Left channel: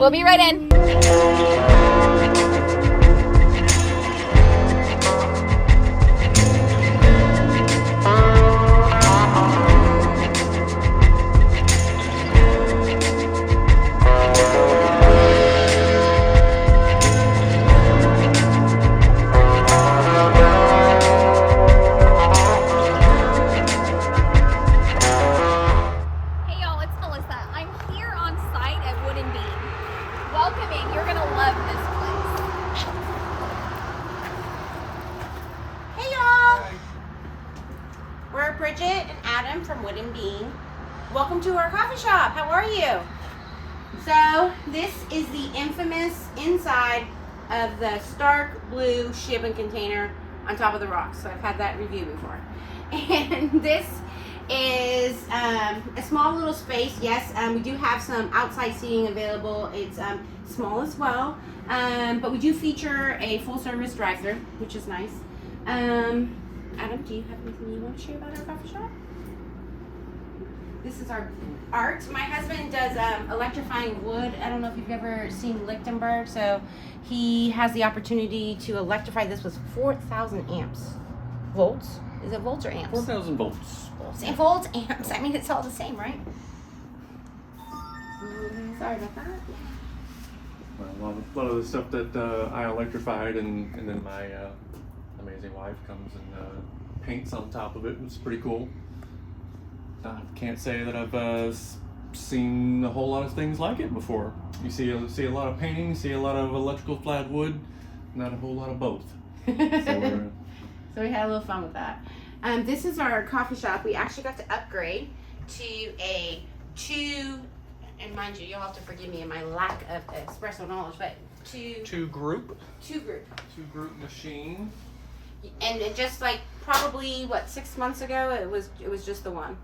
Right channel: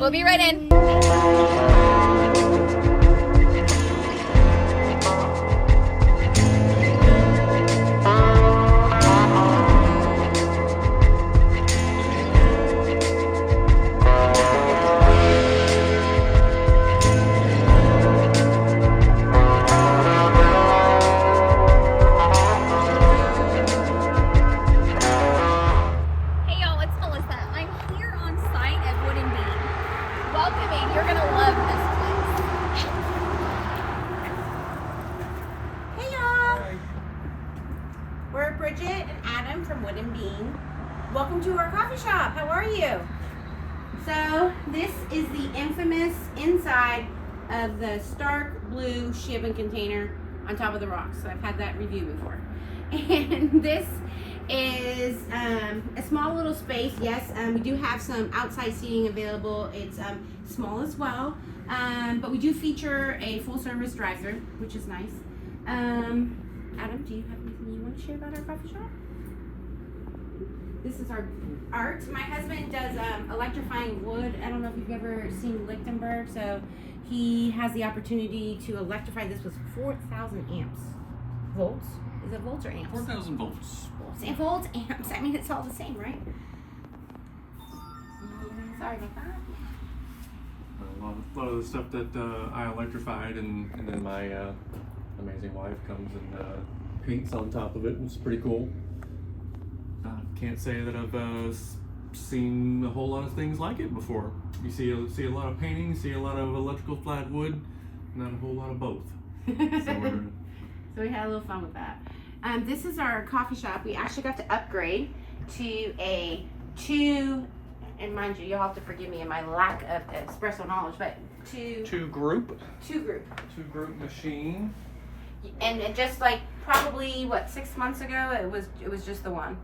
We'll be right in. Bridgette and Adam from Wood and Bean. Welcome to our coffee shop. How are you? So this is the infamous inside of the stark blue shipping container on top of the rocks. So I've had that review before. And this is a small little space. Yes, we do have some outside seating available. It's small as well, but we do feature a full service drive-thru, which is nice. Adam, do you have anything you want to share about our coffee shop? This is our art. My husband does electrifying wood. I don't know if you've ever seen Lichtenberg, so he has the opportunity to electrify this with 4,000 amps. Volts? Is it volts or amps? 4,000 volts. Volts, amps. I mean, it's all the same, right? Sorry about that. A lot of the stuff that I electrified and then my amazing wife comes and paints on top of it. It's pretty cool. Can't say that I've seen a whole lot of things like it before. You see a lot of painting, see a lot of electrical flat wood, not a whole lot of both. So we had a little fun with that. This is our coffee shop. We actually got to upgrade to a and mind you, you'll have to forgive me in my lack of espresso knowledge, but two group machine. And it just like probably 6 months ago, it was just the one.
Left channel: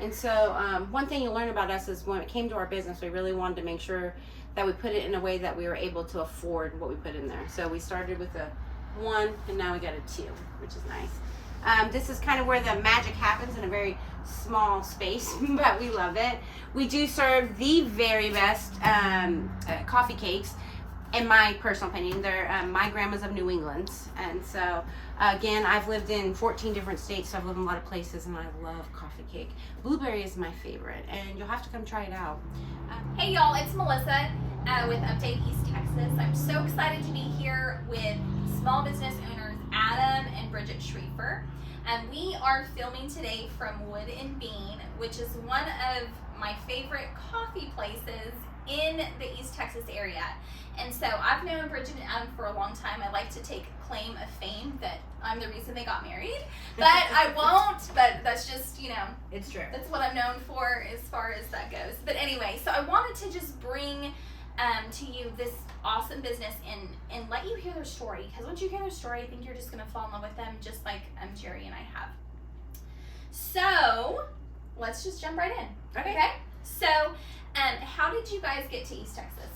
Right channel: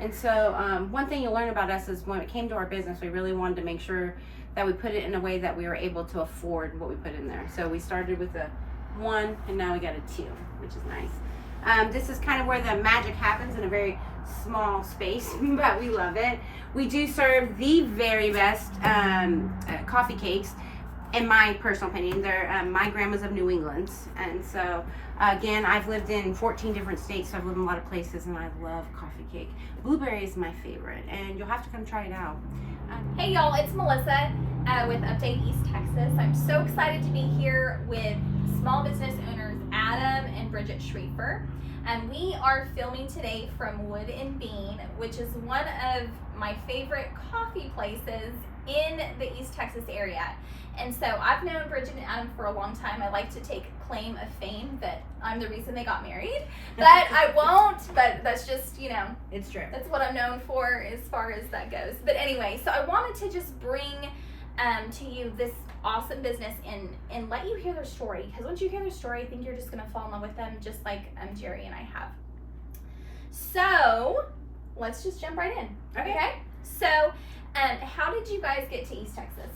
And so one thing you learn about us is when it came to our business, we really wanted to make sure that we put it in a way that we were able to afford what we put in there. So we started with a 1 and now we got a 2, which is nice. This is kind of where the magic happens in a very small space, but we love it. We do serve the very best coffee cakes. In my personal opinion, they're my grandma's of New England, and so again, I've lived in 14 different states, so I've lived in a lot of places, and I love coffee cake. Blueberry is my favorite, and you'll have to come try it out. Hey y'all, it's Melissa with Update East Texas. I'm so excited to be here with small business owners Adam and Bridgette Schreifer. And we are filming today from Wood and Bean, which is one of my favorite coffee places in the East Texas area. And so I've known Bridgette and Adam for a long time. I like to take claim of fame that I'm the reason they got married, but I won't, but that's just, it's true. That's what I'm known for as far as that goes. But anyway, so I wanted to just bring to you this awesome business and let you hear their story, because once you hear their story, I think you're just going to fall in love with them just like Jerry and I have. So let's just jump right in. Okay? So how did you guys get to East Texas?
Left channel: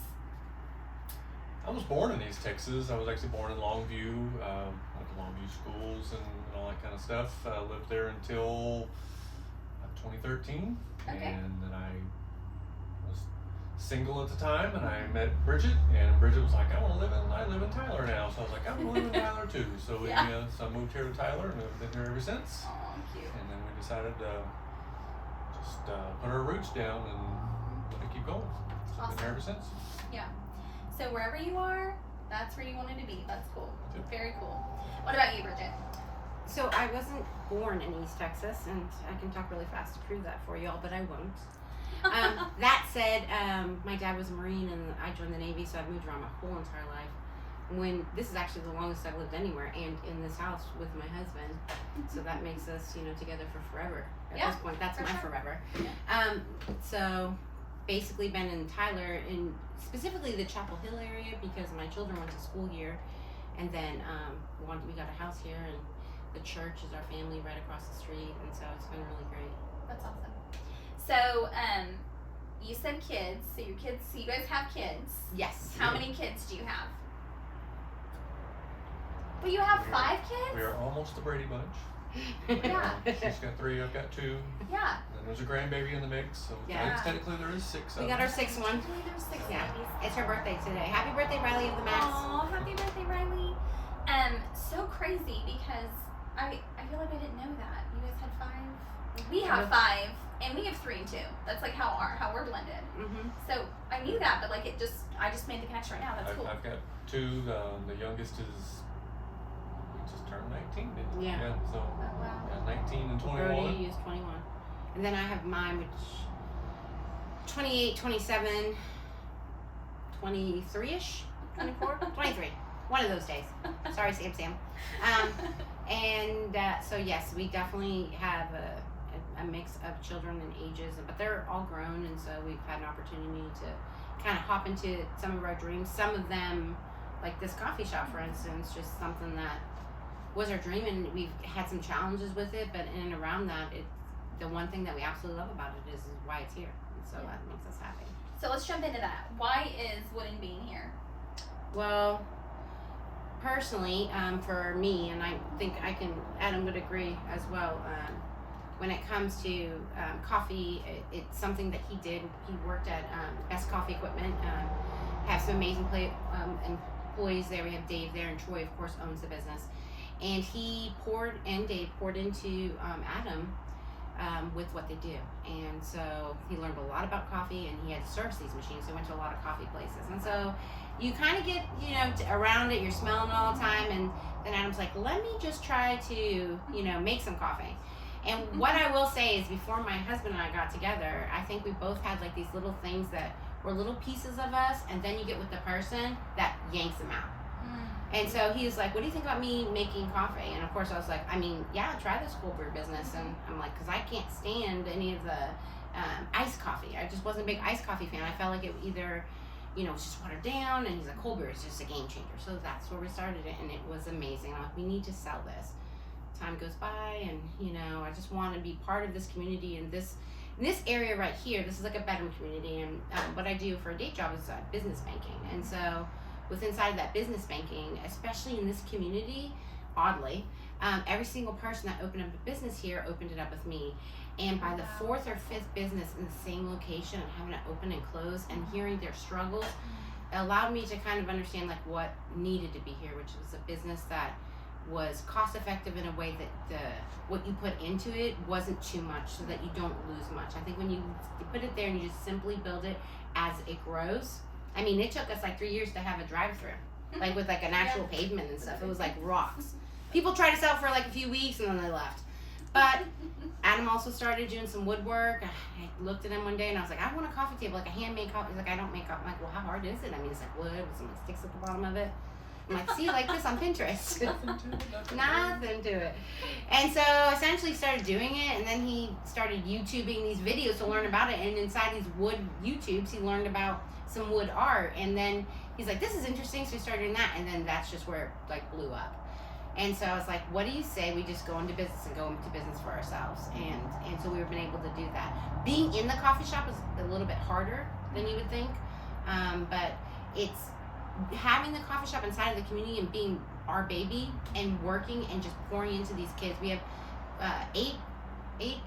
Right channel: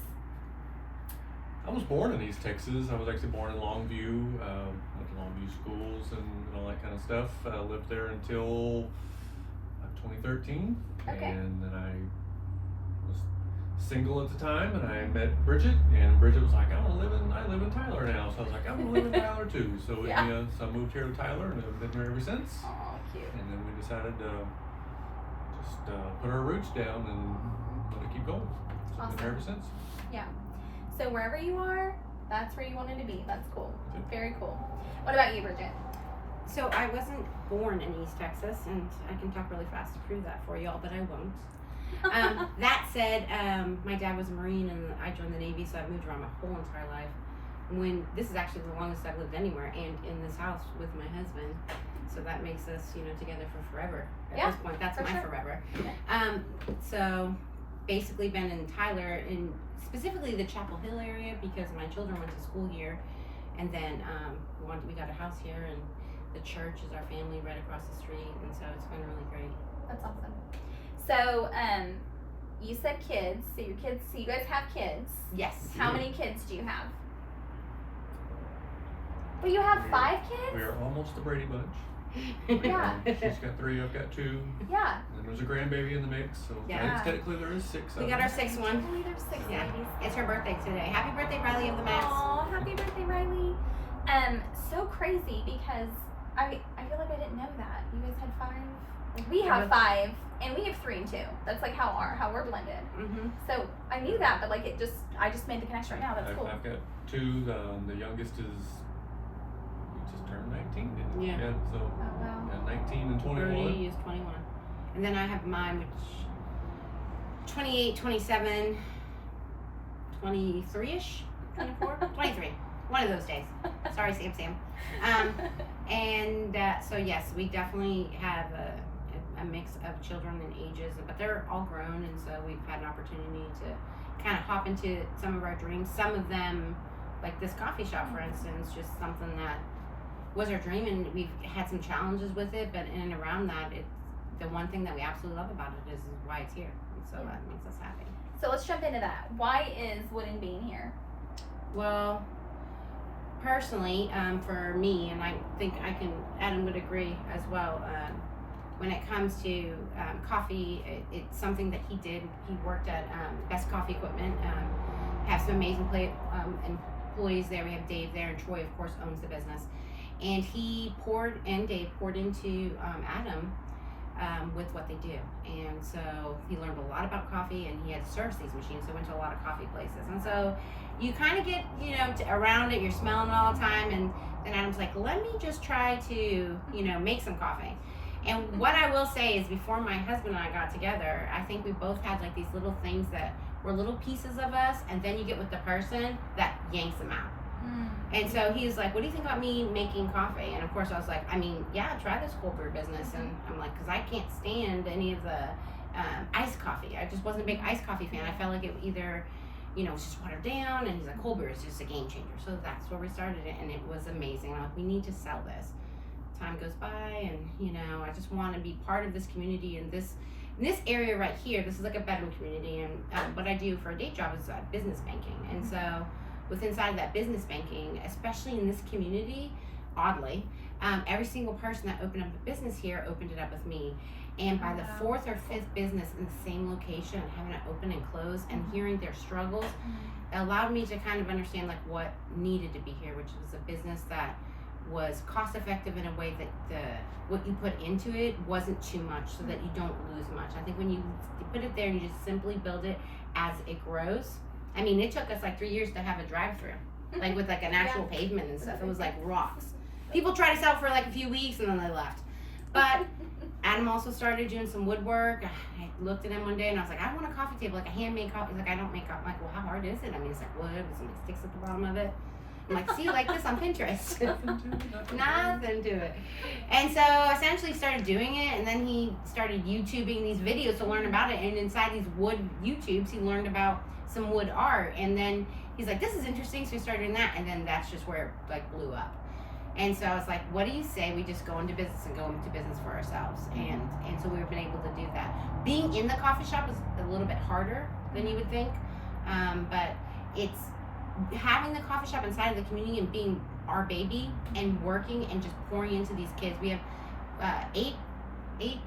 I was born in East Texas. I was actually born in Longview, went to Longview schools and all that kind of stuff. Lived there until 2013. Okay. And then I was single at the time, and I met Bridgette, and Bridgette was like, I live in Tyler now. So I was like, I want to live in Tyler too. So so I moved here to Tyler, and I've been here ever since. Oh, cute. And then we decided to just put our roots down and let it keep going. So Awesome. I've been here ever since. Yeah. So wherever you are, that's where you wanted to be. That's cool. Very cool. What about you, Bridgette? So I wasn't born in East Texas, and I can talk really fast to prove that for y'all, but I won't. That said, my dad was a Marine, and I joined the Navy, so I've moved around my whole entire life. This is actually the longest I've lived anywhere, and in this house with my husband. So that makes us, together for forever. At this point, that's my forever. Yeah. So basically been in Tyler, and specifically the Chapel Hill area, because my children went to school here, and then we got a house here, and the church is our family right across the street, and so it's been really great. That's awesome. So you said kids. So you guys have kids. Yes. How many kids do you have? Well, you have 5 kids? We are almost the Brady Bunch. Yeah. She's got 3, I've got 2, Yeah. and there's a grandbaby in the mix, so I Yeah. think technically there is 6 We of got them. our 6th I one. can't believe there's 6 Yeah. babies. It's her birthday today. Happy birthday, Riley of the Max. Aw, happy birthday, Riley. So crazy because I feel like I didn't know that. You guys had 5. Like, we have 5, and we have 3 and 2. That's like how we're blended. Mm-hmm. So I knew that, but like I just made the connection right now. That's cool. I've got 2. The youngest is just turned 19, didn't he? Yeah. So Oh wow. 19 and 21. Brody is 21. And then I have mine, which 28, 27, 23-ish, 24, 23. One of those days. Sorry, Sam. So yes, we definitely have a mix of children and ages, but they're all grown, and so we've had an opportunity to kind of hop into some of our dreams. Some of them, like this coffee shop, for instance, just something that was our dream, and we've had some challenges with it, but in and around that, it's the one thing that we absolutely love about it is why it's here, and so that makes us happy. So let's jump into that. Why is Wood and Bean here? Well, personally, for me, and I think Adam would agree as well, when it comes to coffee, it's something that he did. He worked at Best Coffee Equipment, have some amazing employees there. We have Dave there, and Troy, of course, owns the business. And Dave poured into Adam with what they do. And so he learned a lot about coffee, and he had to service these machines, so went to a lot of coffee places. And so you kind of get, around it, you're smelling it all the time, and then Adam's like, let me just try to, make some coffee. And what I will say is, before my husband and I got together, I think we both had like these little things that were little pieces of us, and then you get with the person that yanks them out. And so he was like, what do you think about me making coffee? And of course I was like, yeah, try this cold brew business. And I'm like, because I can't stand any of the iced coffee. I just wasn't a big iced coffee fan. I felt like it either, was just watered down, and he's like, cold brew is just a game changer. So that's where we started it, and it was amazing. I'm like, we need to sell this. Time goes by, and I just want to be part of this community, and this area right here. This is like a bedroom community, and what I do for a day job is business banking. And so inside of that business banking, especially in this community, oddly, every single person that opened up a business here opened it up with me. And by the 4th or 5th business in the same location, having it open and close, and hearing their struggles, allowed me to kind of understand like what needed to be here, which was a business that was cost effective in a way that what you put into it wasn't too much, so that you don't lose much. I think when you put it there and you just simply build it as it grows. It took us like 3 years to have a drive-through, like with like an actual pavement and stuff. It was like rocks. People tried to sell for like a few weeks, and then they left. But Adam also started doing some woodwork. I looked at him one day and I was like, I want a coffee table, like a handmade coffee. He's like, I don't make coffee. I'm like, well, how hard is it? It's like wood with some sticks at the bottom of it. I'm like, see, like this on Pinterest. Nothing to it. And so essentially started doing it, and then he started YouTubing these videos to learn about it. And inside these wood YouTubes, he learned about some wood art, and then he's like, this is interesting, so we started doing that, and then that's just where it like blew up. And so I was like, what do you say we just go into business for ourselves? And so we've been able to do that. Being in the coffee shop is a little bit harder than you would think, but it's having the coffee shop inside of the community and being our baby and working and just pouring into these kids. We have 8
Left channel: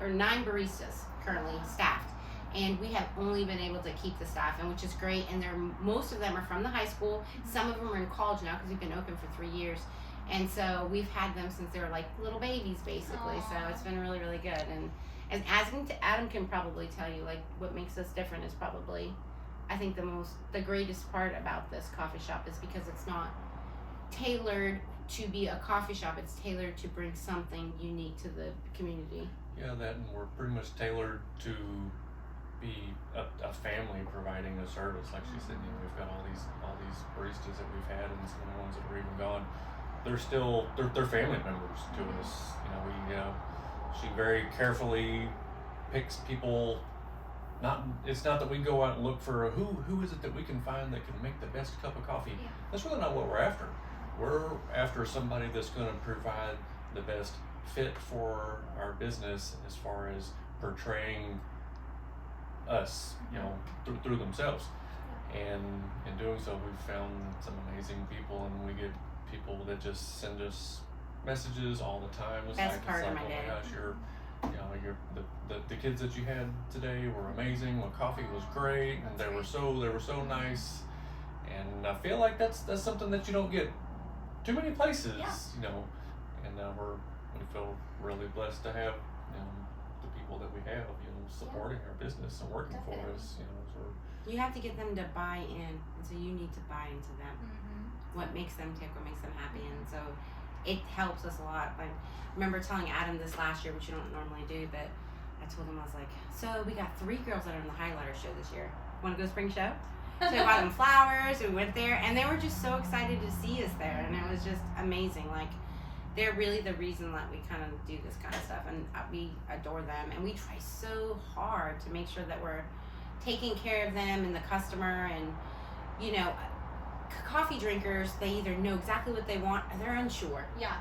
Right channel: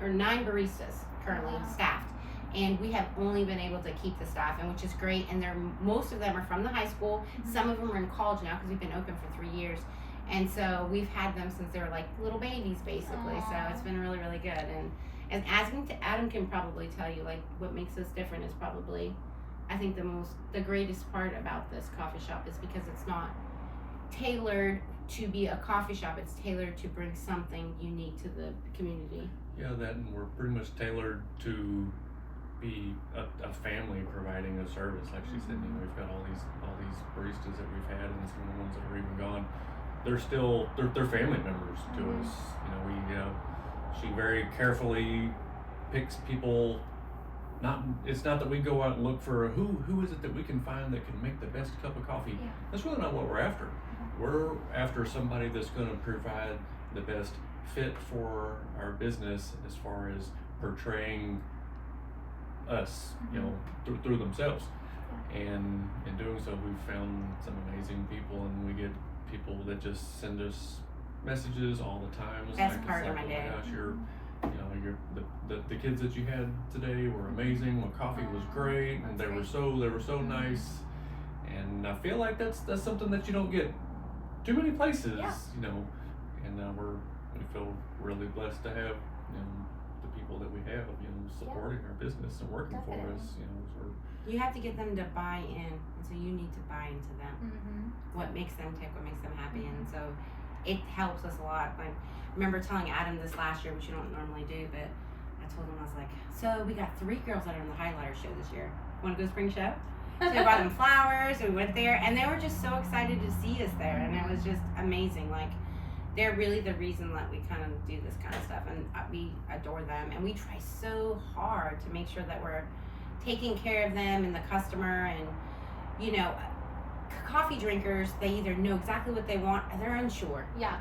or 9 baristas currently staffed. And we have only been able to keep the staff, and which is great. And most of them are from the high school. Some of them are in college now because we've been open for 3 years. And so we've had them since they were like little babies, basically. So it's been really, really good. And Adam can probably tell you, like, what makes us different is probably, I think the greatest part about this coffee shop is because it's not tailored to be a coffee shop. It's tailored to bring something unique to the community. Yeah, and we're pretty much tailored to be a family providing a service. Like she said, we've got all these baristas that we've had, and some of the ones that are even gone. They're family members to us. She very carefully picks people. It's not that we go out and look for who is it that we can find that can make the best cup of coffee. Yeah. That's really not what we're after. We're after somebody that's going to provide the best fit for our business as far as portraying us, through themselves. And in doing so, we've found some amazing people, and we get people that just send us messages all the time. It's Best like, part it's of like, my oh day. my gosh, the kids that you had today were amazing. The coffee was great, and they were so nice. And I feel like that's something that you don't get too many places, you know. And we feel really blessed to have, you know, the people that we have, you know, supporting our business and working for us, you know. So you have to get them to buy in, and so you need to buy into them. What makes them tick, what makes them happy, and so it helps us a lot. Like, I remember telling Adam this last year, which you don't normally do, but I told him, I was like, so we got 3 girls that are in the highlighter show this year. Want to go spring show? So we bought them flowers, and we went there, and they were just so excited to see us there, and it was just amazing. Like, they're really the reason that we kind of do this kind of stuff, and we adore them, and we try so hard to make sure that we're taking care of them and the customer. And you know, coffee drinkers, they either know exactly what they want or they're unsure. Yeah.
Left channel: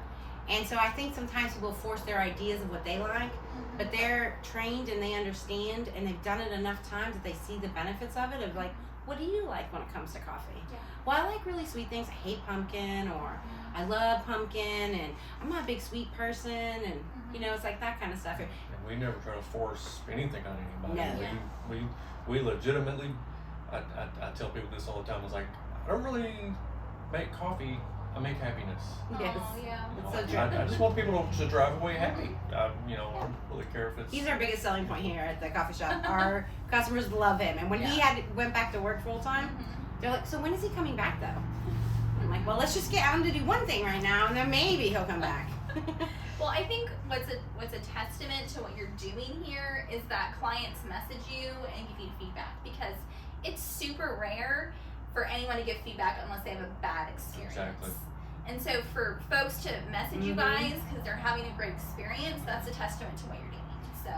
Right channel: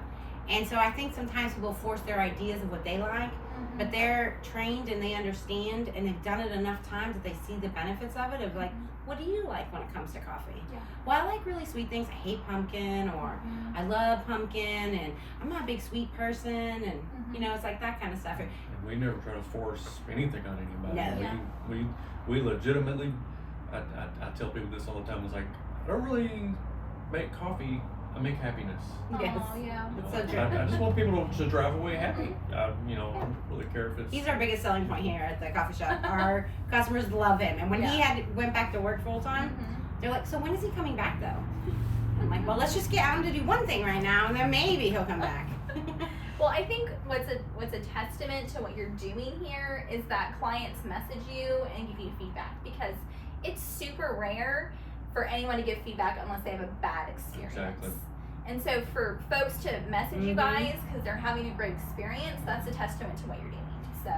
And so I think sometimes people force their ideas of what they like, but they're trained and they understand, and they've done it enough times that they see the benefits of it, of like, what do you like when it comes to coffee? Yeah. Well, I like really sweet things. I hate pumpkin, or I love pumpkin, and I'm not a big sweet person, and you know, it's like that kind of stuff. and we never try to force anything on anybody. No. We legitimately, I tell people this all the time. It's like, I don't really make coffee, I make happiness. Yes. Oh, yeah. It's so I true. just want people to drive away happy. You know, I don't really care if it's. He's our biggest selling point here at the coffee shop. Our customers love him, and when he went back to work full time, they're like, so when is he coming back though? I'm like, well, let's just get him to do one thing right now, and then maybe he'll come back. Well, I think what's a testament to what you're doing here is that clients message you and give you feedback, because it's super rare for anyone to give feedback unless they have a bad experience. Exactly. And so for folks to message you guys because they're having a great experience, that's a testament to what you're doing. So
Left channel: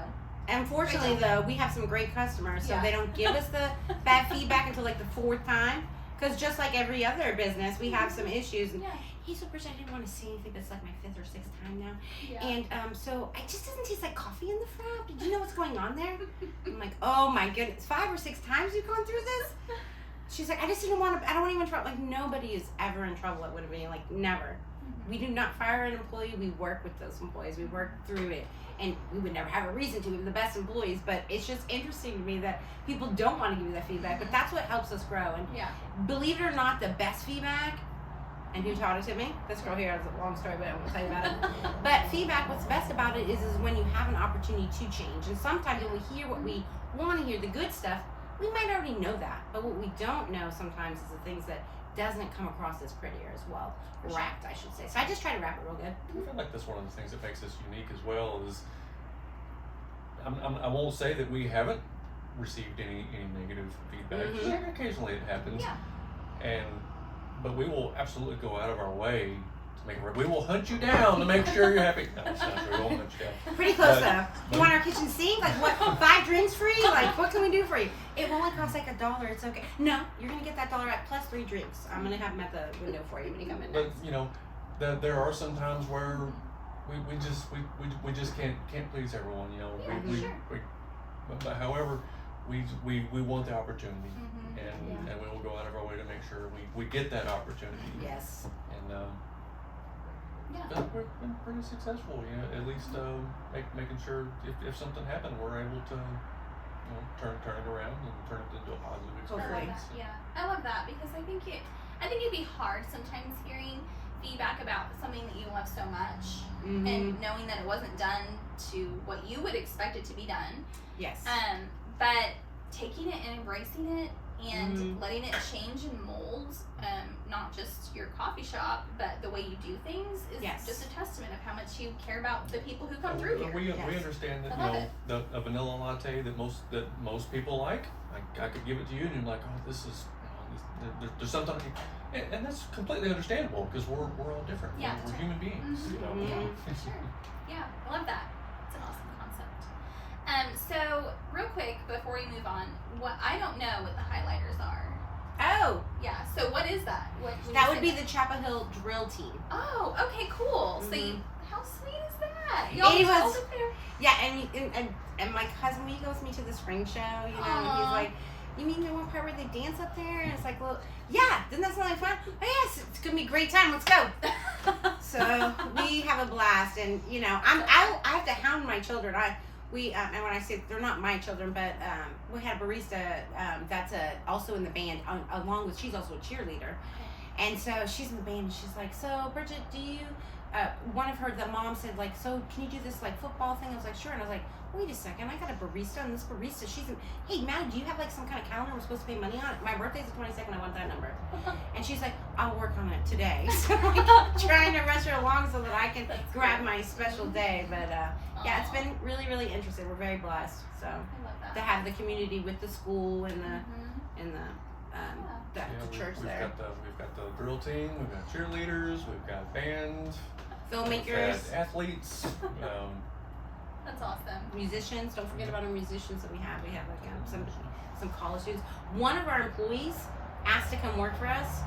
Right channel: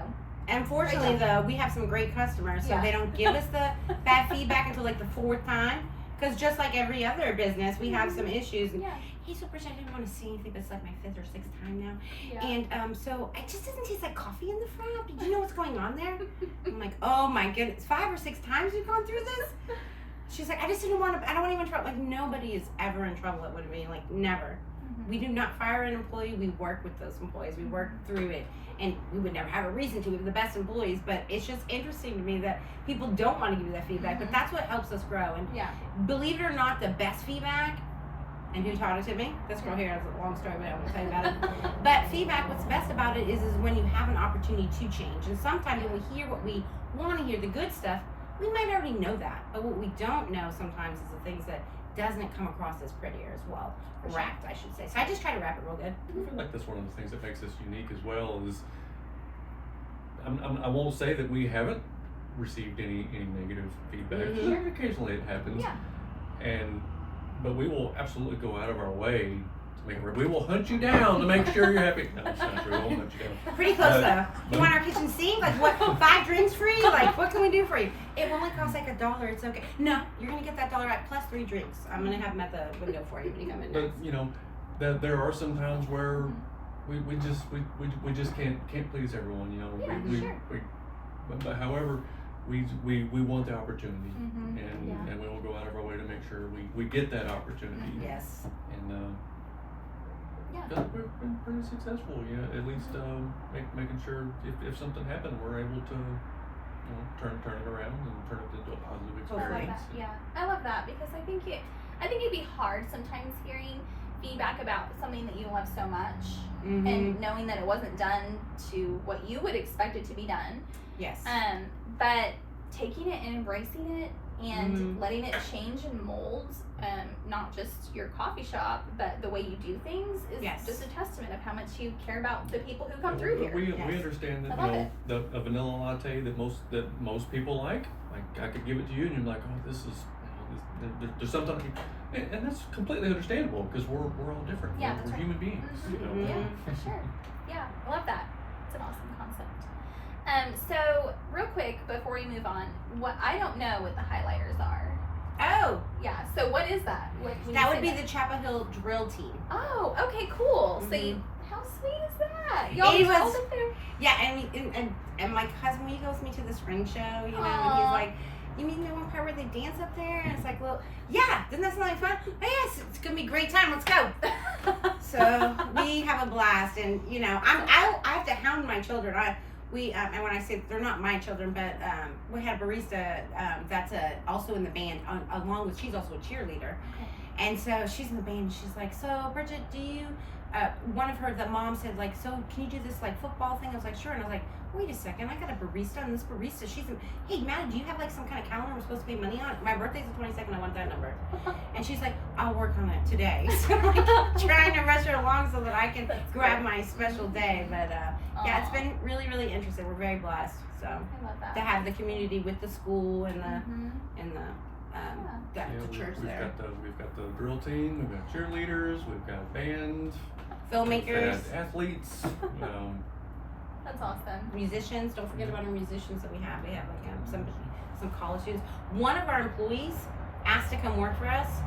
Unfortunately, though, we have some great customers, so they don't give us the bad feedback until like the 4th time. Because just like every other business, we have some issues. And hey, so Bridgette, I didn't want to say anything, but it's like my 5th or 6th time now. And so it just doesn't taste like coffee in the frap. Did you know what's going on there? I'm like, oh my goodness, 5 or 6 times you've gone through this? She's like, I just didn't want to, I don't want anyone in trouble. Like, nobody is ever in trouble at Woodworking, like, never. We do not fire an employee. We work with those employees. We work through it. And we would never have a reason to. We have the best employees. But it's just interesting to me that people don't want to give you that feedback. But that's what helps us grow. And believe it or not, the best feedback, and who taught it to me? This girl here is a long story, but I won't tell you about it. But feedback, what's best about it is when you have an opportunity to change. And sometimes when we hear what we want to hear, the good stuff, we might already know that. But what we don't know sometimes is the things that doesn't come across as prettier as well. Wrapped, I should say. So I just try to wrap it real good. I feel like that's one of the things that makes us unique as well. Is I won't say that we haven't received any negative feedback. Occasionally it happens. But we will absolutely go out of our way to make it work. We will hunt you down to make sure you're happy. No, it's not true. We won't hunt you down. Pretty close though. You want our kitchen sink? Like what? 5 drinks free? Like what can we do for you? It will only cost like $1. It's okay. No, you're gonna get that $1 back plus 3 drinks. I'm gonna have them at the window for you when you come in next. But you know, there are some times where we just can't please everyone. You know, but however, we want the opportunity, and we will go out of our way to make sure we get that opportunity. Yes. And we've been pretty successful. You know, at least making sure if something happened, we're able to turn it around and turn it into a positive experience. I love that because I think it'd be hard sometimes hearing feedback about something that you love so much and knowing that it wasn't done to what you would expect it to be done. Yes. But taking it and embracing it and letting it change and mold, not just your coffee shop, but the way you do things is just a testament of how much you care about the people who come through here. We understand that a vanilla latte that most people like I could give it to you and you're like, oh, this is there's something, and that's completely understandable because we're all different. We're human beings. Yeah, for sure. Yeah, I love that. It's an awesome concept. So real quick before we move on, what I don't know what the highlighters are. Oh. Yeah. So what is that? That would be the Chapel Hill drill team. Oh, okay, cool. So how sweet is that? And my cousin, when he goes with me to the spring show, you know, he's like, you mean the one part where they dance up there? And it's like, well, yeah, doesn't that sound like fun? Oh, yes, it's gonna be a great time. Let's go. So we have a blast, and you know, I have to hound my children. And when I say they're not my children, but we had a barista that's also in the band, along with, she's also a cheerleader. Okay. And so she's in the band, and she's like, so Bridgette, do you, the mom said, like, so can you do this, like, football thing? I was like, sure. And I was like, wait a second, I got a barista, and this barista, hey, Matt, do you have, like, some kind of calendar we're supposed to pay money on? My birthday's the 22nd, I want that number. And she's like, I'll work on it today. So I'm like, trying to rush her along so that I can grab my special day. But, yeah, it's been really, really interesting. We're very blessed. So I love that. to have the community with the school and the, Yeah, church there. We've got the drill team, we've got cheerleaders, we've got band, Filmmakers, we've got athletes. That's awesome. musicians. Don't forget about our musicians that we have. We have like some college students. One of our employees asked to come work for us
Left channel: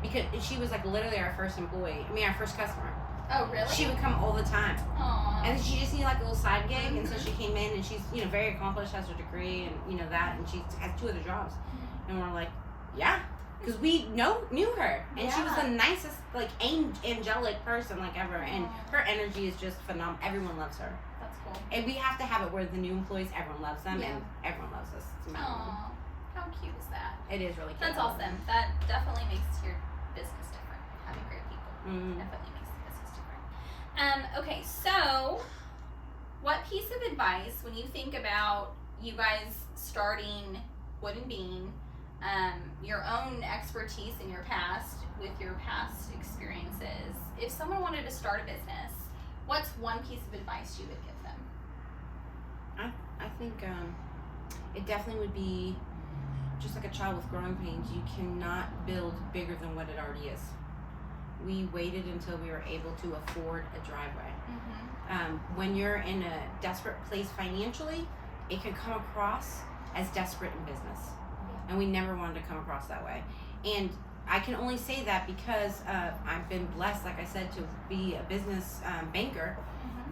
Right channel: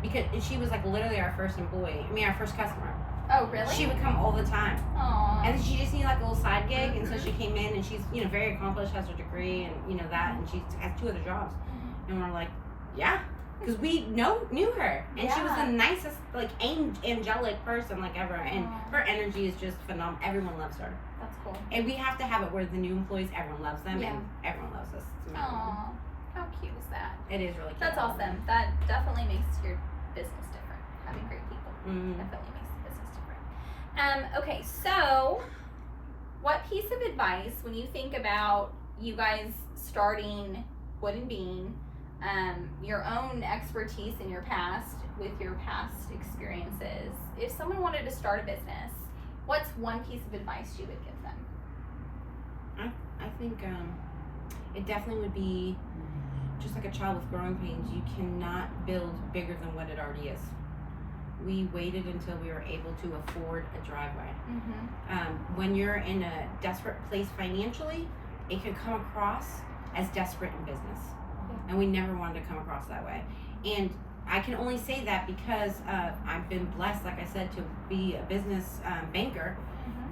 because she was like literally our first employee. I mean, our first customer. Oh, really? She would come all the time. Aww. And then she just needed like a little side gig, and so she came in, and she's very accomplished, has her degree, and that, and she has 2 other jobs. And we're like, yeah, because we knew her, and she was the nicest, like angelic person like ever, and her energy is just phenomenal. Everyone loves her. That's cool. And we have to have it where the new employees, everyone loves them, and everyone loves us. It's amazing. Aww. How cute is that? It is really cute. That's awesome. That definitely makes your business different. Having great people definitely makes the business different. Okay, so what piece of advice, when you think about you guys starting Wood and Bean, your own expertise in your past with your past experiences, if someone wanted to start a business, what's one piece of advice you would give them? I think it definitely would be just like a child with growing pains. You cannot build bigger than what it already is. We waited until we were able to afford a driveway. When you're in a desperate place financially, it could come across as desperate in business. And we never wanted to come across that way. And I can only say that because I've been blessed, like I said, to be a business banker,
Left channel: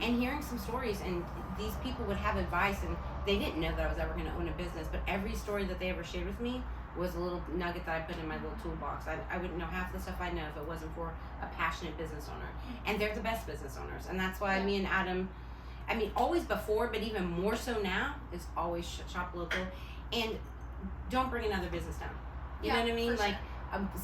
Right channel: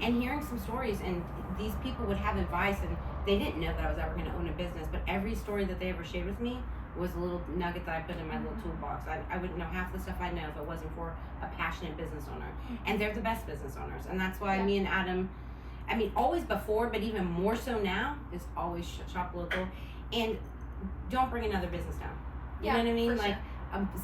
and hearing some stories, and these people would have advice, and they didn't know that I was ever going to own a business, but every story that they ever shared with me was a little nugget that I put in my little toolbox. I wouldn't know half the stuff I know if it wasn't for a passionate business owner. And they're the best business owners. And that's why me and Adam, I mean, always before, but even more so now, is always shop local. And don't bring another business down. You know what I mean? Like,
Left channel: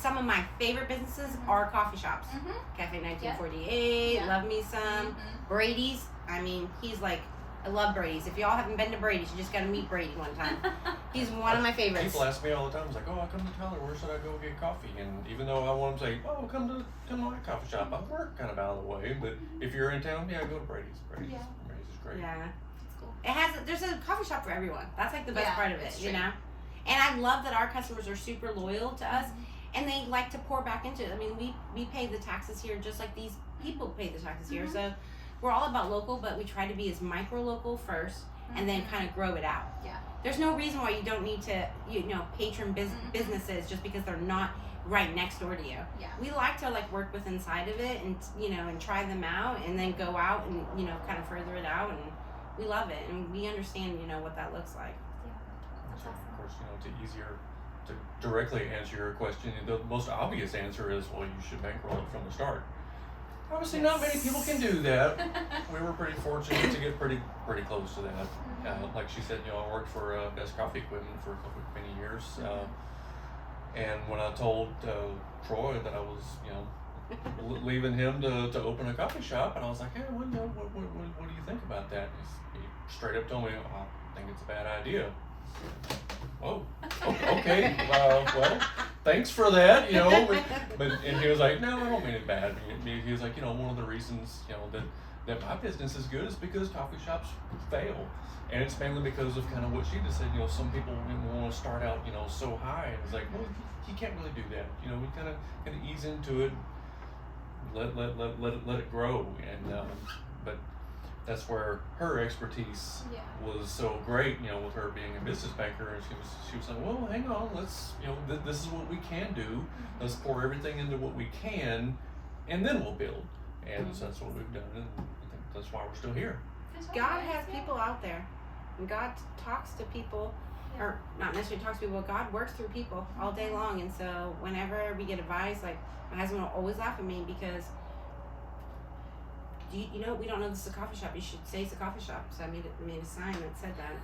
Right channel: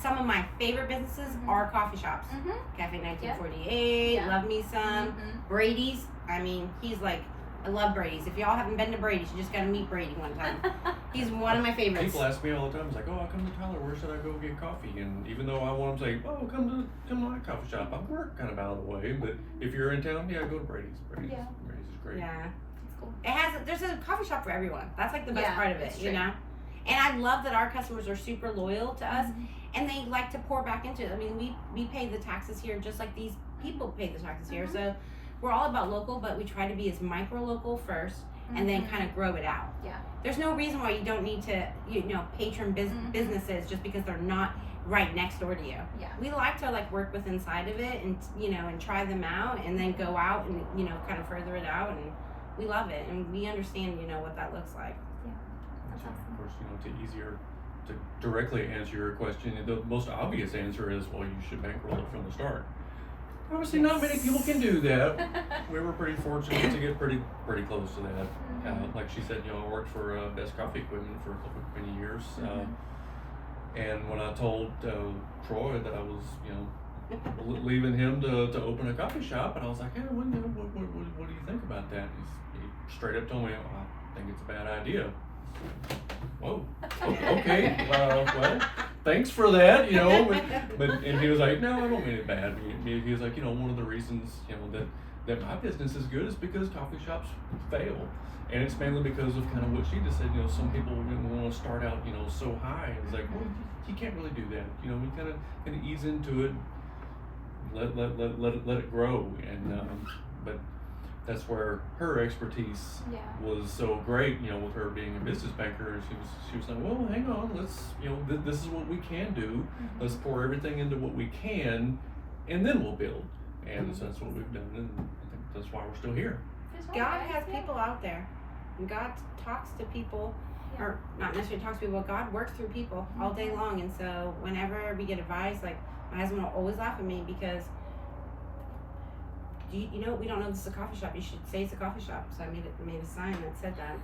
some of my favorite businesses are coffee shops. Cafe 1948, Love Me Some, Brady's. I mean, he's like, I love Brady's. If y'all haven't been to Brady's, you just gotta meet Brady one time. He's one of my favorites. People ask me all the time, it's like, oh, I come to Tyler, where should I go get coffee? And even though I want them to say, oh, come to my coffee shop, I work kind of out of the way. But if you're in town, go to Brady's. Brady's is great. Yeah. That's cool. There's a coffee shop for everyone. That's like the best part of it, you know? And I love that our customers are super loyal to us, and they like to pour back into it. I mean, we pay the taxes here just like these people pay the taxes here. So we're all about local, but we try to be as micro local first, and then kind of grow it out. Yeah. There's no reason why you don't need to, patron businesses just because they're not right next door to you. Yeah. We like to like work with inside of it, and and try them out, and then go out and kind of further it out, and we love it, and we understand what that looks like. Yeah. That's awesome. Of course, it's easier to directly answer your question. The most obvious answer is, well, you should bankroll it from the start. Obviously, not many people can do that. We were pretty fortunate to get pretty close to that. Like she said, I worked for Best Coffee Equipment for many years. And when I told Troy that I was, leaving him to open a coffee shop, and I was like, hey, what do you think about that? He straight up told me, oh, I think it's a bad idea. Whoa. Okay. Well, thanks for that. And he was like, no, I don't mean it bad. He was like, one of the reasons, that my business is good is because coffee shops fail, and it's mainly because of kind of what she just said. Some people want to start out, so high. And it's like, well, you can't really do that. We kind of ease into it, let it grow, and but. That's where her expertise was so great, with her being a business banker. And she was saying, well, hang on, let's, this is what we can do. Let's pour everything into what we can, and then we'll build. And so that's what we've done, and I think that's why we're still here. God has people out there, and God talks to people, or not necessarily talks to people, but God works through people all day long. And so whenever we get advice, like, my husband will always laugh at me because you know, we don't know this is a coffee shop. You should say it's a coffee shop. So I made a sign that said that.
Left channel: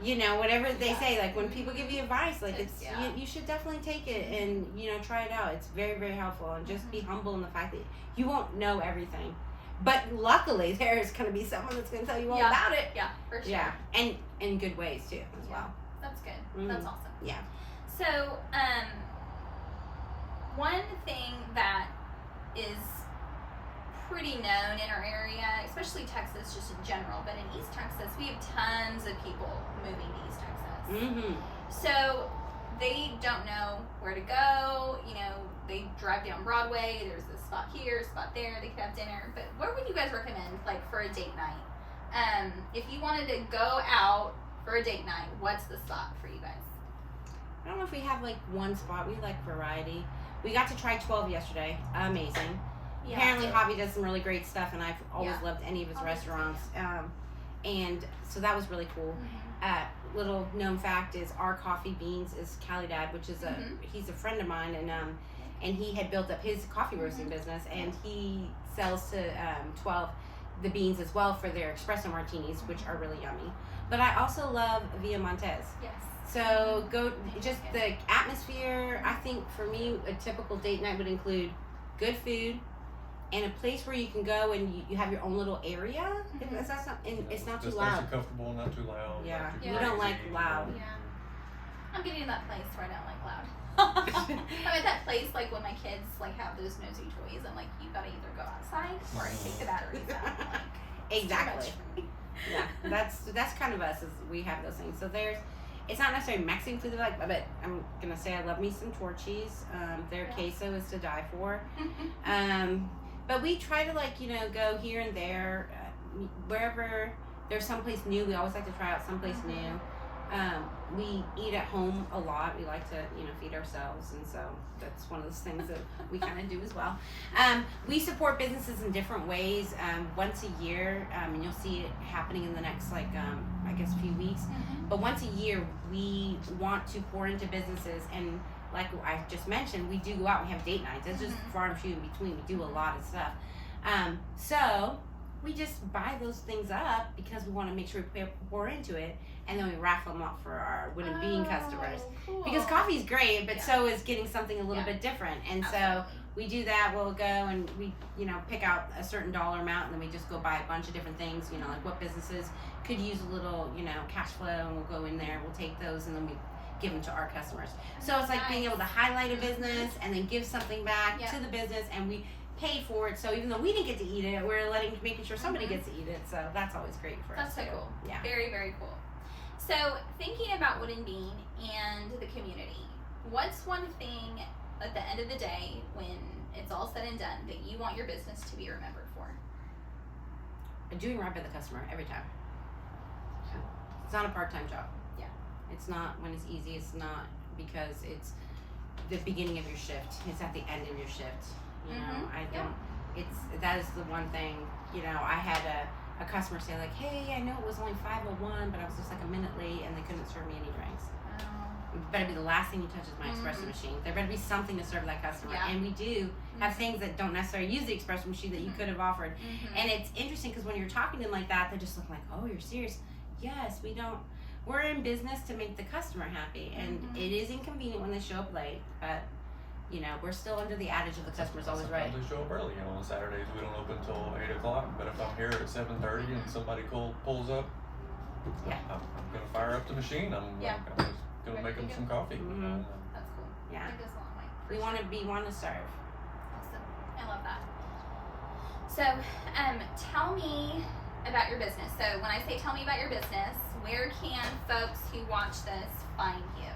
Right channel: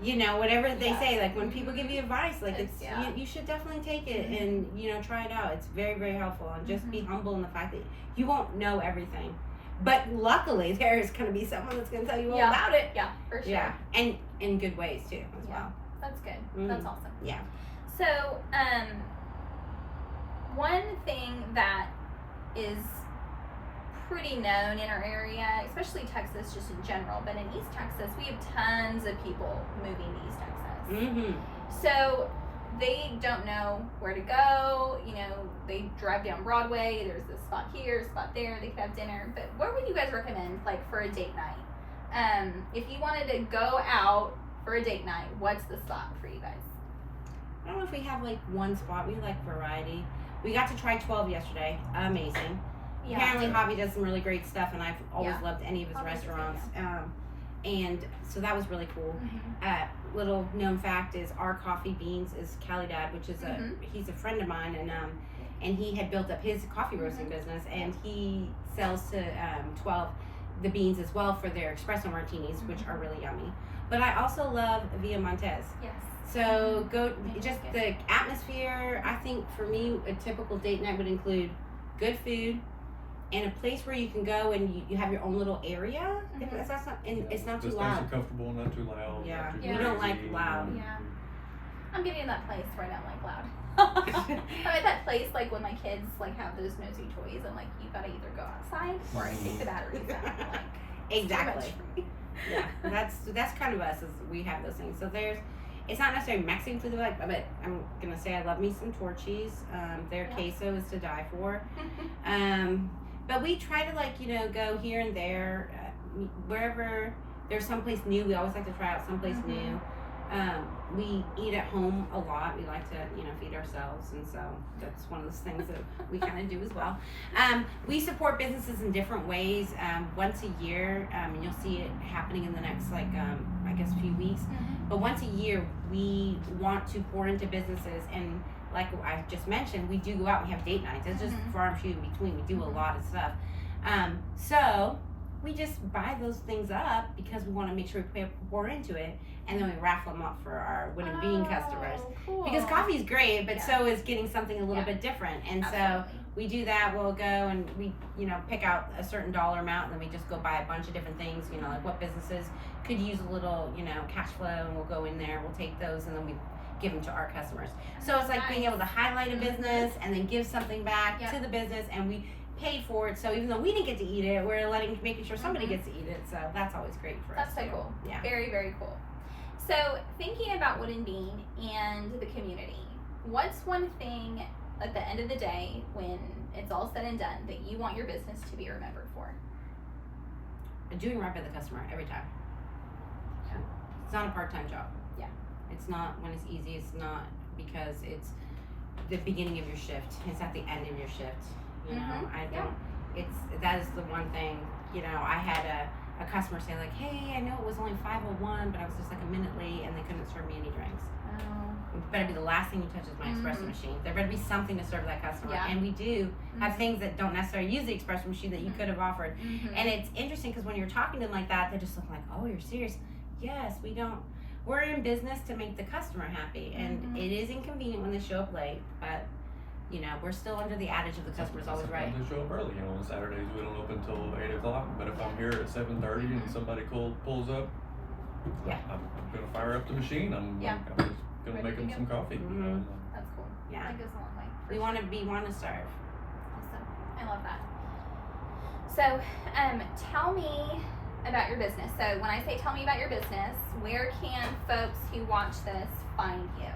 You know, whatever they say, like when people give you advice, like it's you should definitely take it and, you know, try it out. It's very, very helpful, and just be humble in the fact that you won't know everything. But luckily, there is going to be someone that's going to tell you all about it. Yeah, for sure. Yeah, and in good ways too, as well. That's good. That's awesome. Yeah. So, one thing that is pretty known in our area, especially Texas, just in general, but in East Texas, we have tons of people moving to East Texas. So they don't know where to go. You know, they drive down Broadway. There's a spot here, a spot there. They could have dinner. But where would you guys recommend, like, for a date night? If you wanted to go out for a date night, what's the spot for you guys? I don't know if we have like one spot. We like variety. We got to try 12 yesterday. Amazing. Yeah. Apparently, Javi does some really great stuff, and I've always loved any of his restaurants. And so that was really cool. Little known fact is our coffee beans is Calidad, which is he's a friend of mine, and he had built up his coffee roasting business, and he sells to 12 the beans as well for their espresso martinis, which are really yummy. But I also love Via Montez. Yes. So just the atmosphere. I think for me, a typical date night would include good food and a place where you can go and you have your own little area. That's not, and it's not too loud. Nice and comfortable, not too loud. Yeah, not too we don't like crazy. loud. Yeah. I'm getting to that place where I don't like loud. I'm at that place like when my kids like have those nosy toys. I'm like, you gotta either go outside or I take the batteries out. I'm like, exactly. Yeah, that's kind of us. Is we have those things. So it's not necessarily Mexican food that I like, but I'm gonna say I love me some torchies. Their queso is to die for. But we try to go here and there, wherever there's someplace new. We always like to try out someplace new. We eat at home a lot. We like to, feed ourselves, and so that's one of those things that we kind of do as well. We support businesses in different ways. Once a year, and you'll see it happening in the next, few weeks. But once a year, we want to pour into businesses, and like I just mentioned, we do go out. We have date nights. It's just far and few in between. We do a lot of stuff. So we just buy those things up because we want to make sure we pour into it, and then we raffle them off for our Wood and Bean customers. Cool. Because coffee's great, but so is getting something a little bit different. And so we do that. We'll go and we, pick out a certain dollar amount, and then we just go buy a bunch of different things, like what businesses could use a little, cash flow, and we'll go in there, we'll take those, and then we give them to our customers. So it's like being able to highlight a business and then give something back to the business, and we pay for it. So even though we didn't get to eat it, we're making sure somebody gets to eat it. So that's always great for us. That's so cool. Yeah. Very, very cool. So thinking about Wood and Bean and the community, what's one thing at the end of the day when it's all said and done that you want your business to be remembered for? Doing right by the customer every time. It's not a part-time job. Yeah. It's not when it's easy. It's not because it's the beginning of your shift. It's at the end of your shift. That is the one thing, I had a customer say like, hey, I know it was only 5:01, but I was just like a minute late and they couldn't serve me any drinks. It better be the last thing you touch is my espresso machine. There better be something to serve that customer. And we do have things that don't necessarily use the espresso machine that you could have offered. And it's interesting because when you're talking to them like that, they just look like, oh, you're serious? Yes, we're in business to make the customer happy. And it is inconvenient when they show up late, but we're still under the adage of the customer's always right. Sometimes they show up early. On Saturdays we don't open until 8 o'clock. But if I'm here at 7:30 and somebody pulls up, I'm gonna fire up the machine. I'm just gonna make them some coffee. That's cool. Yeah, that goes a long way. We want to serve. Awesome. I love that. So, tell me about your business. So when I say tell me about your business, where can folks who watch this find you?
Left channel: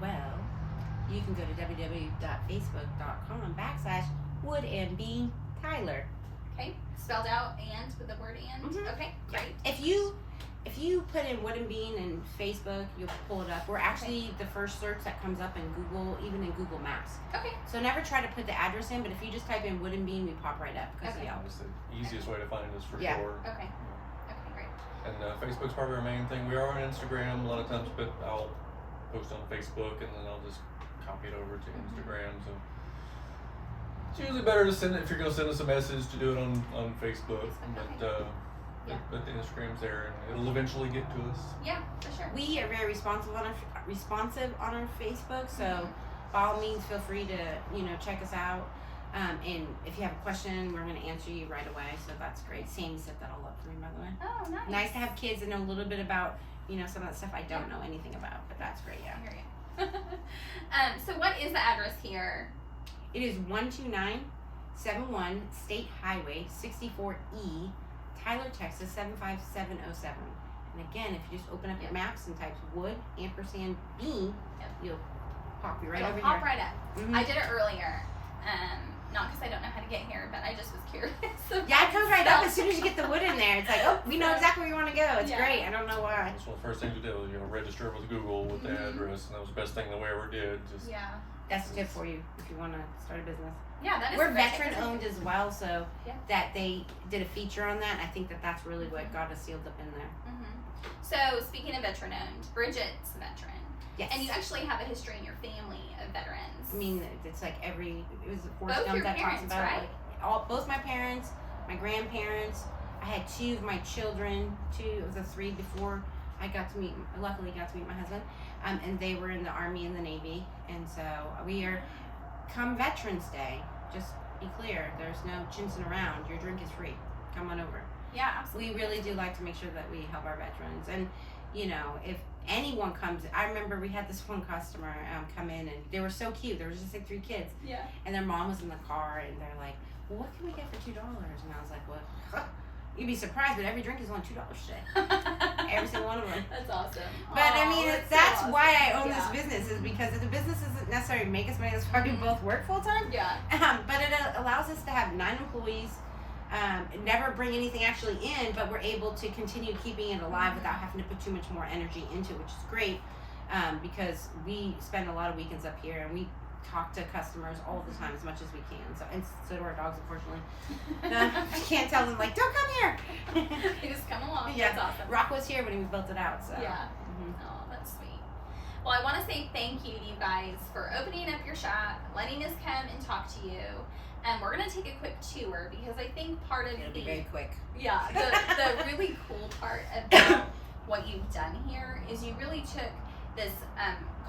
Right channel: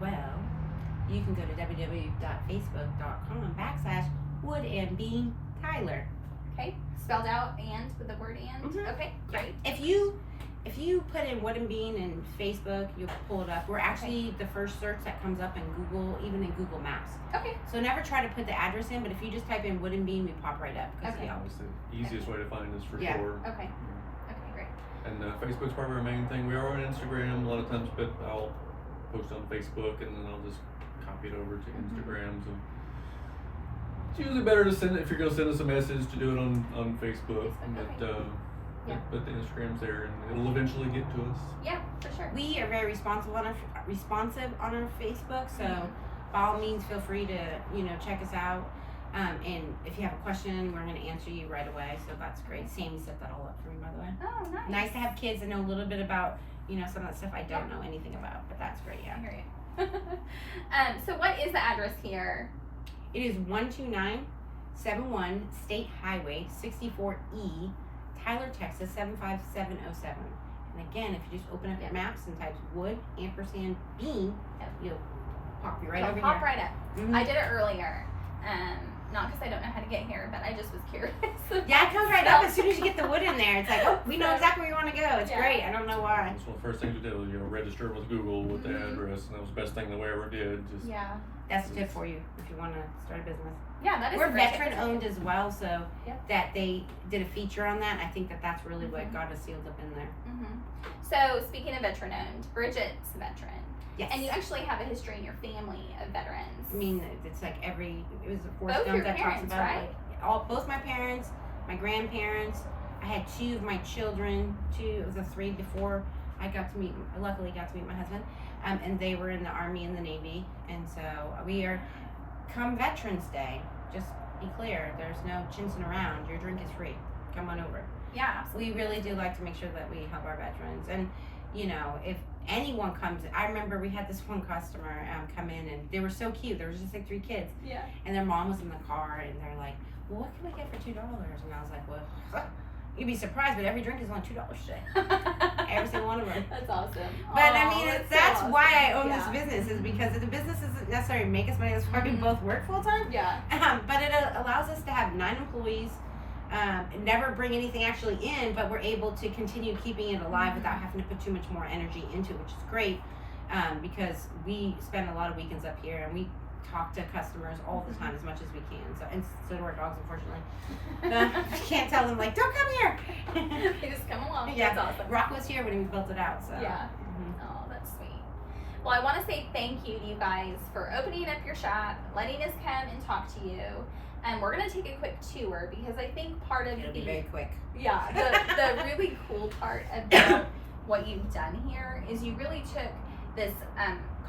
Well, you can go to www.facebook.com/Wood and Bean Tyler. Okay, spelled out and with the word and. Okay, great. If you put in Wood and Bean in Facebook, you'll pull it up. We're actually the first search that comes up in Google, even in Google Maps. Okay. So never try to put the address in, but if you just type in Wood and Bean, we pop right up. It's the easiest way to find us for sure. Okay. Okay, great. And Facebook's probably our main thing. We are on Instagram a lot of times, but I'll post on Facebook and then I'll just copy it over to Instagram. So It's usually better to send it, if you're going to send us a message, to do it on Facebook. Yeah. But the Instagram's there, and it'll eventually get to us. Yeah, for sure. We are very responsive on our Facebook, so by all means, feel free to check us out. And if you have a question, we're going to answer you right away. So that's great. Sammy set that all up for me, by the way. Oh, nice. Nice to have kids that know a little bit about some of that stuff I don't know anything about, but that's great. Yeah. I hear you. So what is the address here? It is 12971 State Highway 64E, Tyler, Texas 75707. And again, if you just open up your maps and type wood ampersand beam, you'll pop you right over Pop here. right up. Mhm. I did it earlier. Not because I don't know how to get here, but I just was curious. Yeah, it comes right up as soon as you get the wood in there. It's like, oh, we know exactly where you want to go. It's Yeah. great. I don't know why. So the first thing to do is register with Google with the address, and that was the best thing that we ever did. Just Yeah. That's a tip for you if you want to start a business. Yeah, that is We're a great tip. veteran owned as well, so Yeah. that they did a feature on that. I think that's really what got us sealed up in there. So speaking of veteran owned, Bridgette's a veteran. Yes. And you actually have a history in your family of veterans. I mean, it's like it was Forrest Both Gump your that talks parents, about right? it. Like both my parents, my grandparents. I had two of my children, two of the three before I luckily got to meet my husband. And they were in the Army and the Navy. And so we are, come Veterans Day, just be clear, there's no chinsing around. Your drink is free. Come on over. Yeah, absolutely. We really do like to make sure that we help our veterans. And, if anyone comes, I remember we had this one customer come in, and they were so cute. There was just like 3 kids. Yeah. And their mom was in the car, and they're like, well, what can we get for $2? And I was like, well, you'd be surprised, but every drink is only $2 today. Every single one of them. That's awesome. But I mean, that's so why I awesome. own this business, is because the business doesn't necessarily make us money. That's why we both work full time. Yeah. But it allows us to have 9 employees, never bring anything actually in, but we're able to continue keeping it alive without having to put too much more energy into it, which is great, because we spend a lot of weekends up here, and we talk to customers all the time as much as we can. So do our dogs, unfortunately. Can't tell them like, don't come here. They just come along. Yeah. That's awesome. Rock was here when we built it out. So Yeah. Oh, that's sweet. Well, I want to say thank you to you guys for opening up your shop, letting us come and talk to you. And we're going to take a quick tour, because I think part of It'll be very quick. Yeah, the really cool part about what you've done here is you really took this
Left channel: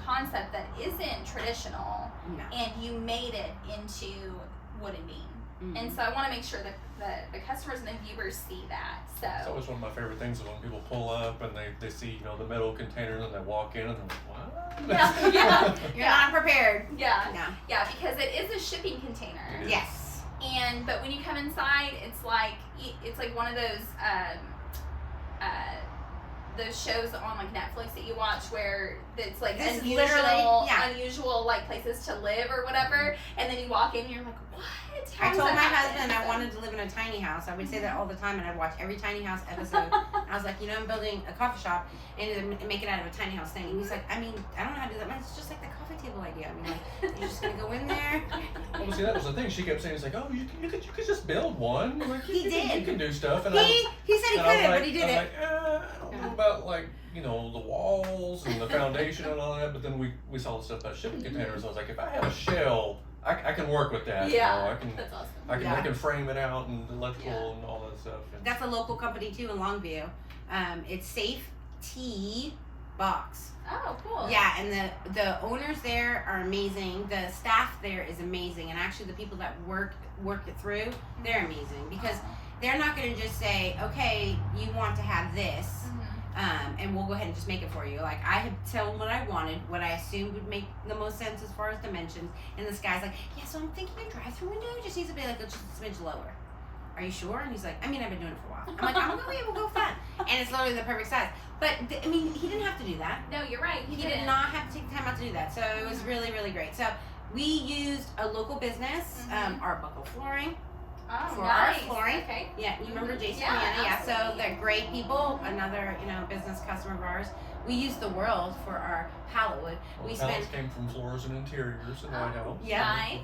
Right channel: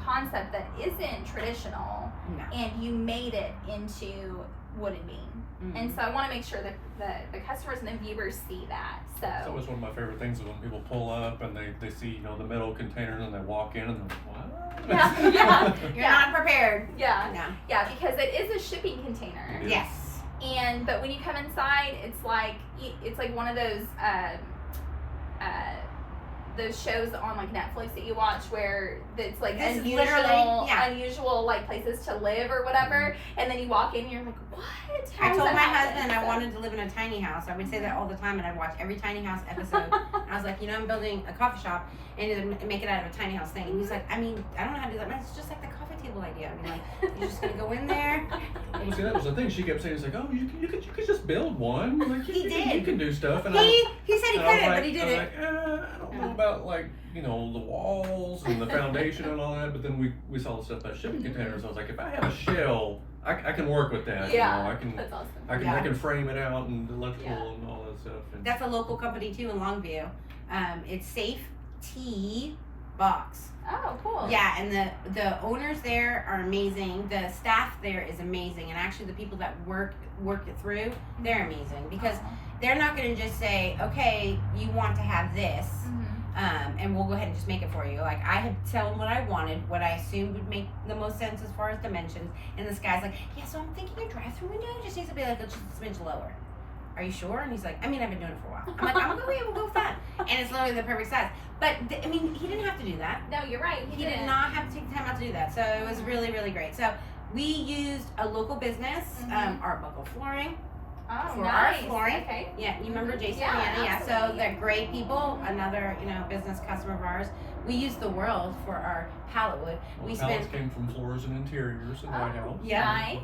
concept that isn't traditional, No. and you made it into wood and beam. And so I want to make sure that the customers and the viewers see that. So it's always one of my favorite things is when people pull up and they see the metal container, and then they walk in and they're like, what? Yeah. You're not prepared. Yeah. No. Yeah, because it is a shipping container. Yes. But when you come inside, it's like one of those shows on like Netflix that you watch where it's like This is unusual like places to live or whatever, and then you walk in and you're like, what? How I does told that my happen? husband I wanted to live in a tiny house. I would say that all the time, and I'd watch every tiny house episode. I was like, I'm building a coffee shop and make it out of a tiny house thing. And he's like, I mean, I don't know how to do that. It's just like the coffee table idea. I mean, like, you're just gonna go in there. Well, see, that was the thing. She kept saying, it's like, oh, you could just build one. Like, He did. You can do stuff. And He said he and I was couldn't, like- but he did I'm it. like, I don't know about the walls and the foundation and all that. But then we saw the stuff about shipping containers. I was like, if I have a shell, I can work with that. Yeah, I can. that's awesome. I can frame it out and electrical and all that stuff. And That's a local company too in Longview. It's Safe Tea Box. Oh, cool. Yeah, and the owners there are amazing. The staff there is amazing, and actually the people that work it through, they're amazing, because they're not going to just say, okay, you want to have this, and we'll go ahead and just make it for you. Like, I had told them what I wanted, what I assumed would make the most sense as far as dimensions, and this guy's like, yeah, so I'm thinking a drive-through window just needs to be like just a smidge lower. Are you sure? And he's like, I mean, I've been doing it for a while. I'm like, I'm gonna we'll go with that. And it's literally the perfect size. But I mean, he didn't have to do that. No, you're right. He did not have to take the time out to do that. So it was really, really great. So we used a local business, Arbuckle Flooring, for our flooring. Okay. Yeah, you remember Jason? Yeah, Yeah. So absolutely. they're great people. Another, business customer of ours. We use the world for our pallet wood. We pallets spent. came from Floors and Interiors in White House. Yeah. Nice.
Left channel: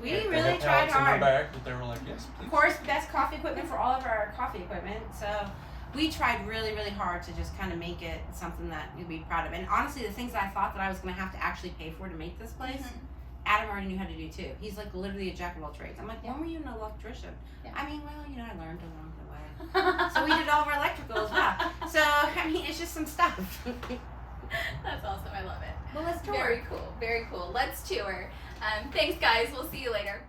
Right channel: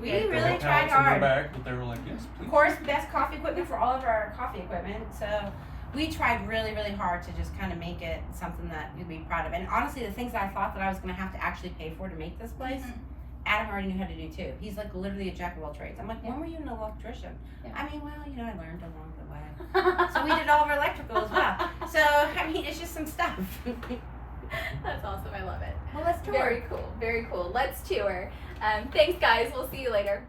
We They really had tried pallets in hard. the back, but they were like, yes, please. Of course, best coffee equipment for all of our coffee equipment. So we tried really, really hard to just kind of make it something that you'd be proud of. And honestly, the things that I thought that I was going to have to actually pay for to make this place, Adam already knew how to do too. He's like literally a jack of all trades. I'm like, Yeah. when were you an electrician? Yeah. I mean, well, you know, I learned along the way. So we did all of our electrical as well. So, I mean, it's just some stuff. That's awesome. I love it. Well, let's tour. Very cool. Very cool. Let's tour. Thanks, guys. We'll see you later.